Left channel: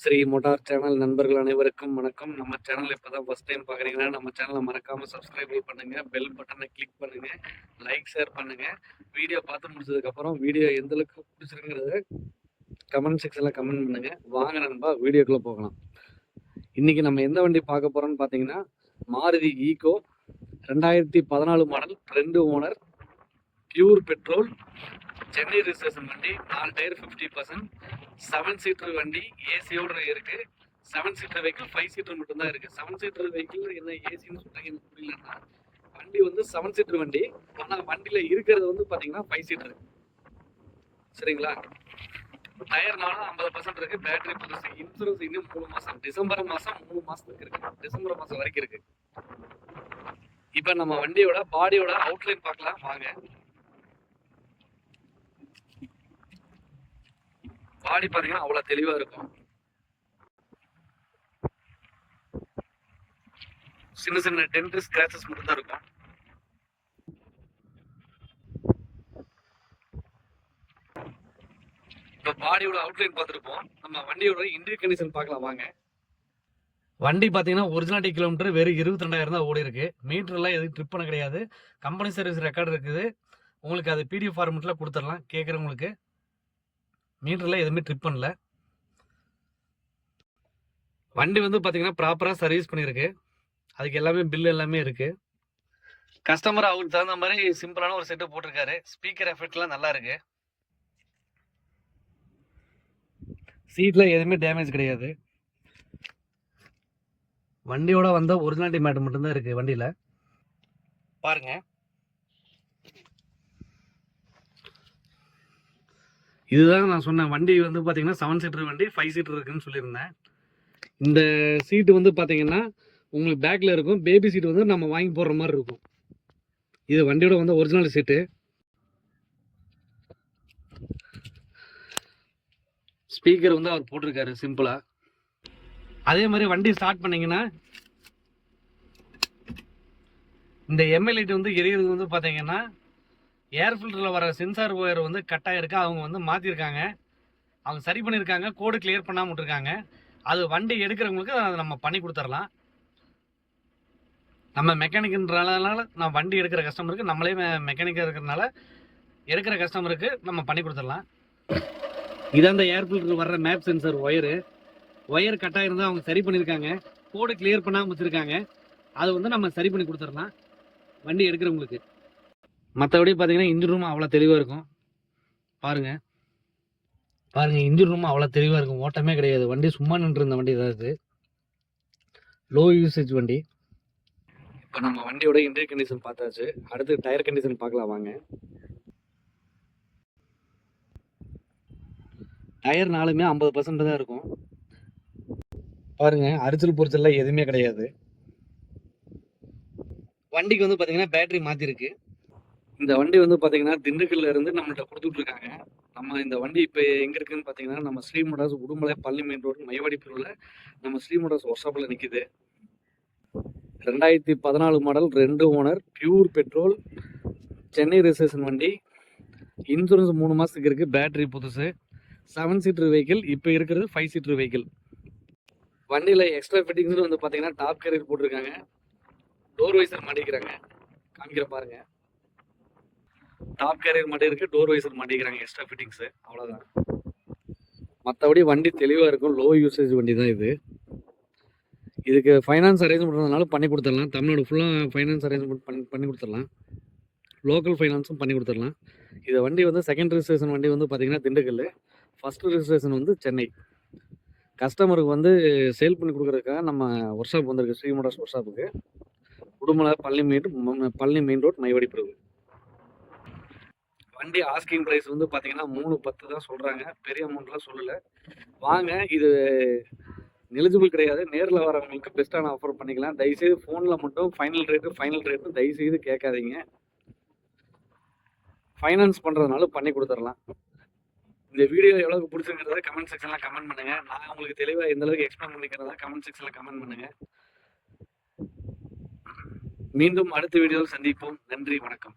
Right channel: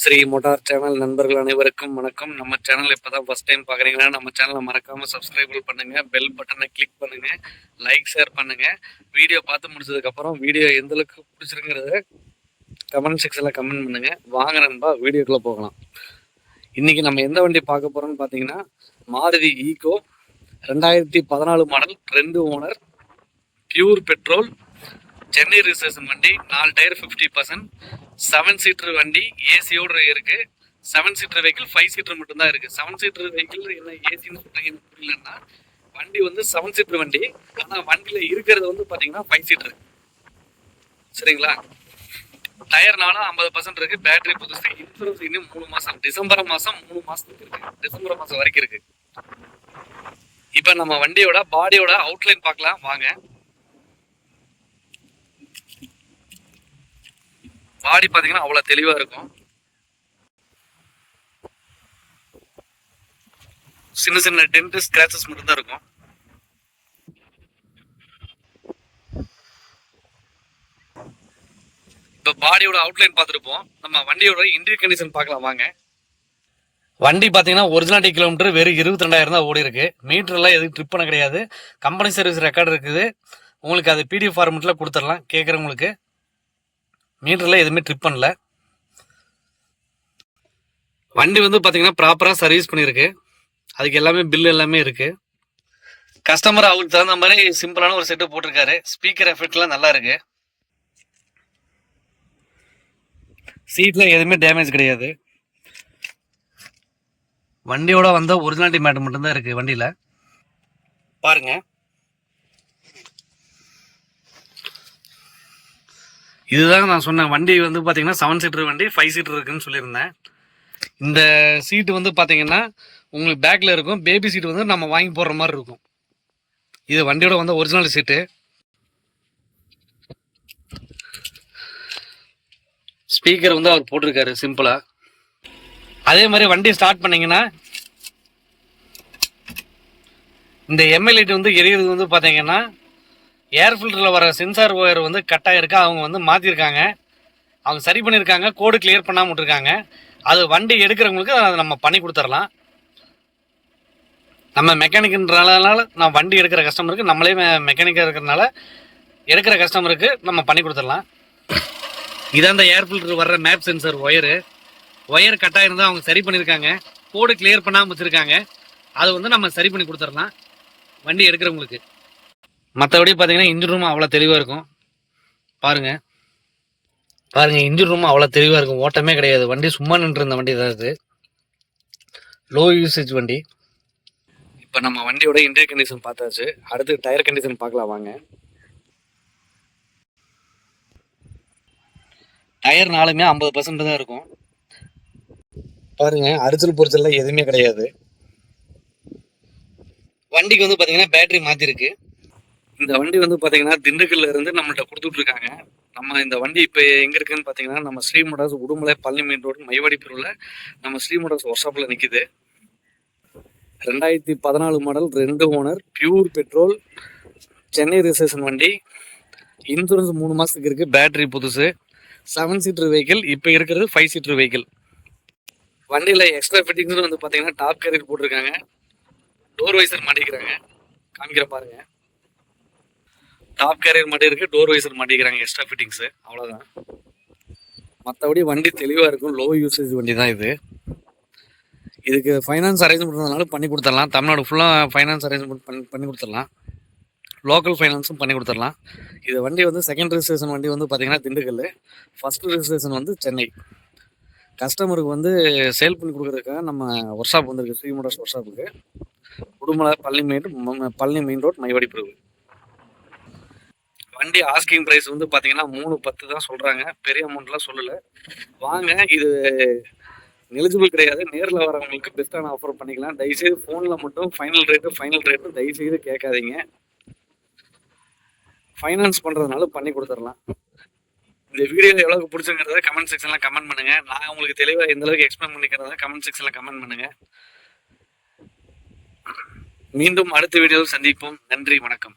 Sri motor channel நண்பர்கள் அனைவருக்கும் வணக்கம். நம்ம சேனல் இப்போதான் ஃபர்ஸ்ட் டைம் பார்க்குறீங்கன்னா நம்ம சேனலை மறக்காமல் சப்ஸ்கிரைப் பண்ணுங்க, பெல் பட்டனை கிளிக் பண்ணுங்க, லைக் ஷேர் பண்ணுங்க. வீடியோ பார்த்து முடிச்சதுக்கப்புறம் வீடியோ எந்த அளவுக்கு பிடிச்சிருங்கிறத கமெண்ட் செக்ஷனில் கமெண்ட் பண்ணுங்க. வாங்க நண்பா, வீடியோக்குள்ளே போகலாம். இன்னைக்கு நம்ம எந்த வண்டி பார்க்க போறோம்னு பார்த்தீங்கன்னா Maruti Eeco 2014 model, 2 owner, pure petrol, Chennai registration வண்டி, 4 டயர் 50%, 7 சீட்டர் வண்டி, ஏசியோட இருக்கு. 7 சீட்டர் வெஹிக்கிள், 5 சீட்டர் மட்டும்தான் இருக்கு. 7 சீட்டர் வெஹிக்கிள் என்ன ஏசின்னு சொல்றீங்கன்னு புரியலன்னா, வண்டி வந்து 7 சீட்டர் வண்டி, ஆனா வண்டியில இருக்கிறது வந்து பாத்தீங்கன்னா 5 சீட்டர். சரிங்களா? டயர்னாலும் 50% இருக்கு. பேட்டரி புதுசு. இன்சூரன்ஸ் இன்னும் 3 மாசம், டிசம்பர் மாசம் 3 மாசத்துக்கு இருக்கு. டிசம்பர் மாசம் வரைக்கும் இருக்கு. இப்ப நம்ம வண்டியோட பாடியோட அவுட்லைன் பார்க்கலாம் வாங்க. பாடி பாத்தீங்கன்னா அவ்வளவு தெளிவா இருக்கும். சின்ன சின்ன டென்ட் ஸ்கிராச்சஸ் மட்டும் தான் இருக்கும். இப்போ பாடியோட அவுட்லைன் பார்த்துருப்போம். நம்ம வண்டியோட இன்டீரியர் கண்டிஷன் பார்க்கலாம் வாங்க. வண்டி பார்த்தீங்கன்னா ஒரிஜினாலிட்டி கிலோமீட்டர் வெறும் 22,000 தான் ஓடி இருக்கு. மீட்டர்லாம் எதுவும் ட்ரிப் பண்ண கிடையாது. கம்பெனி சர்வீஸ் ரெக்கார்டு இருக்குது. உங்களுக்கு அது பிடிஎஃப் ஃபார்மெட்டில் கொடுத்துடலாம் கேட்குறவங்களுக்கு. மீட்டர்லாம் எதுவுமே ட்ரிப் பண்ணல. வண்டி வந்து பார்த்தீங்கன்னா ப்ராப்பராக சர்வீஸ் பண்ணியிருக்கு. அதுக்கு எல்லாமே பில் எல்லாமே இருக்கு. கஸ்டமர் அவருக்கு தகுந்த மாதிரி சிம்பிளான ஒரு செட்டு போட்டிருக்காரு. ஸ்பீக்கர் எஃபெக்ட்லாம் நல்லா இருக்கு. சீட்ல எதுவுமே டேமேஜ் கிடையாது. வண்டியோட வந்த ஒரிஜினாலிட்டி மேட் மட்டும்தான் இருக்கு வண்டியில. பாருங்க, இதுதான் நான் சொன்னேன். வண்டி வந்து பாத்தீங்கன்னா 7 சீட்டர் வண்டி, 5 சீட்டர் இருக்குன்னு சொல்லியிருந்தேன். இந்த சீட்டு வந்து பாத்தீங்கன்னா உங்களுக்கு பேக்ல இருக்கும். பேபி சீட் வந்து நம்ம வாங்கி போடுற மாதிரி இருக்கும். இது வண்டியோட வந்த ஒரிஜினல் சீட்டு. ஸ்பீக்கர் வந்து அவர் போட்டிருக்காரு சிம்பிளா. அதே மாதிரி வண்டி ஸ்டார்ட் பண்ணீங்கன்னா இந்த எம்எல்ஏடி வந்து எரியறது வந்து பாத்தீங்கன்னா ஏர் ஃபில்டரில் வர சென்சார் ஒயர் வந்து கட்டாக இருக்கா, அவங்க வந்து மாற்றிருக்காங்க. அவங்க சரி பண்ணியிருக்காங்க, கோடு கிளியர் பண்ணாமல் விட்டுருக்காங்க. அது வண்டி எடுக்கிறவங்களுக்கு அதை நம்ம பண்ணி கொடுத்துடலாம். நம்ம மெக்கானிக்ன்றனால நான் வண்டி எடுக்கிற கஸ்டமருக்கு, நம்மளே மெக்கானிக்காக இருக்கிறதுனால எடுக்கிற கஸ்டமருக்கு நம்ம பண்ணி கொடுத்துடலாம். இதான் அந்த ஏர் ஃபில்டர் வர்ற மேப் சென்சார் ஒயர் கட்டாக இருந்தால் அவங்க சரி பண்ணியிருக்காங்க, கோடு கிளியர் பண்ணாமல் வச்சுருக்காங்க. அது வந்து நம்ம சரி பண்ணி கொடுத்துடலாம் வண்டி எடுக்கிறவங்களுக்கு. மற்றபடி பார்த்தீங்கன்னா இன்ஜின் ரூம் அவ்வளோ தெளிவாக இருக்கும். பாருங்க இன்ஜின் ரூம் அவ்வளோ தெளிவாக இருக்கும். ஓட்டமே கிடையாது. வண்டி சும்மா நின்று இருந்த வண்டி தான் இது. லோ யூசேஜ் வண்டி. இப்போ நம்ம வண்டியோட இன்டீரியர் கண்டிஷன் பார்த்தாச்சு. அடுத்து டயர் கண்டிஷன் பார்க்கலாம் வாங்க. டயர் நாலுமே 50% தான் இருக்கும். பாருங்க, அரிச்சல் பொரிச்சல்லாம் எதுவுமே கிடையாது. வண்டிக்கு வந்து பார்த்தீங்கன்னா பேட்டரி மாற்றிருக்கு. இந்த வண்டி வந்து பார்த்தீங்கன்னா திண்டுக்கல்ல இருந்து நம்மள்ட்ட கொடுத்துட்டு இருக்காங்க. நம்ம இந்த வண்டி இப்போ எங்கே இருக்குன்னு பார்த்தீங்கன்னா நம்ம Sri motors Udumalai Palani main road Maivadi பிரிவில் நம்ம ஸ்ரீ மோட்டார்ஸ் ஒர்க் ஷாப்பில் நிற்கிது. 2014 model, 2 owner, pure petrol, Chennai registration வண்டி, இன்சூரன்ஸ் 3 மாதத்துக்கு இருக்குது, பேட்டரி புதுசு, 7 சீட்டர் வெஹிக்கிள். இப்போ இருக்கிறது 5 சீட்டர் வெஹிக்கிள். வண்டியில் எக்ஸ்ட்ரா ஃபிட்டிங்ஸ் வந்து பார்த்தீங்கன்னா டாப் கேரியர் போட்டிருக்காங்க. டோர் வைசர் மாட்டிக்கிறாங்க, காமிக்கிற பாருங்க. டாப் கேரியர் மட்டும் இருக்கு, டோர் வைசர் மாட்டிக்கிறாங்க, எக்ஸ்ட்ரா ஃபிட்டிங்ஸ். அவ்வளோதான். மற்றபடி வண்டி தெளிவாக இருக்கும். லோ யூசேஜ் வண்டி தான் இது. இதுக்கு ஃபைனான்ஸ் அரேஞ்ச்மெண்ட் பண்ணாலும் பண்ணி கொடுத்துடலாம். தமிழ்நாடு ஃபுல்லாக ஃபைனான்ஸ் அரேஞ்ச்மெண்ட் பண்ணி கொடுத்துடலாம். லோக்கல் ஃபைனான்ஸும் பண்ணி கொடுத்துடலாம். இது வண்டி வந்து செகண்ட் ரிஜிஸ்ட்ரேஷன் வண்டி வந்து பார்த்தீங்கன்னா திண்டுக்கல், ஃபர்ஸ்ட் ரிஜிஸ்ட்ரேஷன் வந்து சென்னை. கஸ்டமருக்கு வந்து சேல் பண்ணி கொடுக்குறதுக்காக நம்ம ஒர்க் ஷாப் வந்திருக்கு, ஸ்ரீ மோட்டார்ஸ் ஒர்க் ஷாப்புக்கு, உடுமலை பழனி மெயின் ரோட் மைவாடி பிரிவு. வண்டி ஆஸ்கிங் பிரைஸ் வந்து பார்த்தீங்கன்னா 310 தான் சொல்கிறாங்க. பெரிய அமௌண்ட்லாம் சொல்லலை. வாங்க, இது எலிஜிபிள் கிடையாது. நேரில் வரவங்களுக்கு பெஸ்ட்டான ஆஃபர் பண்ணிக்கலாம். தயவுசெய்து ஃபோனில் மட்டும் ஃபைனல் ரேட்டு தயவுசெய்து கேட்காதீங்க. ஃபைனான்ஸ் பண்ணுறதுனால பண்ணி கொடுத்துடலாம். இந்த வீடியோ எவ்வளோக்கு பிடிச்சிருக்கிறத கமெண்ட் செக்ஷனில் கமெண்ட் பண்ணுங்கள். நான் உங்களுக்கு தெளிவாக எந்த அளவுக்கு எக்ஸ்பிளைன் பண்ணிக்கிறதா கமெண்ட் செக்ஷனில் கமெண்ட் பண்ணுங்கள். மீண்டும் அடுத்த வீடியோவில் சந்திப்போம். நன்றி, வணக்கம்.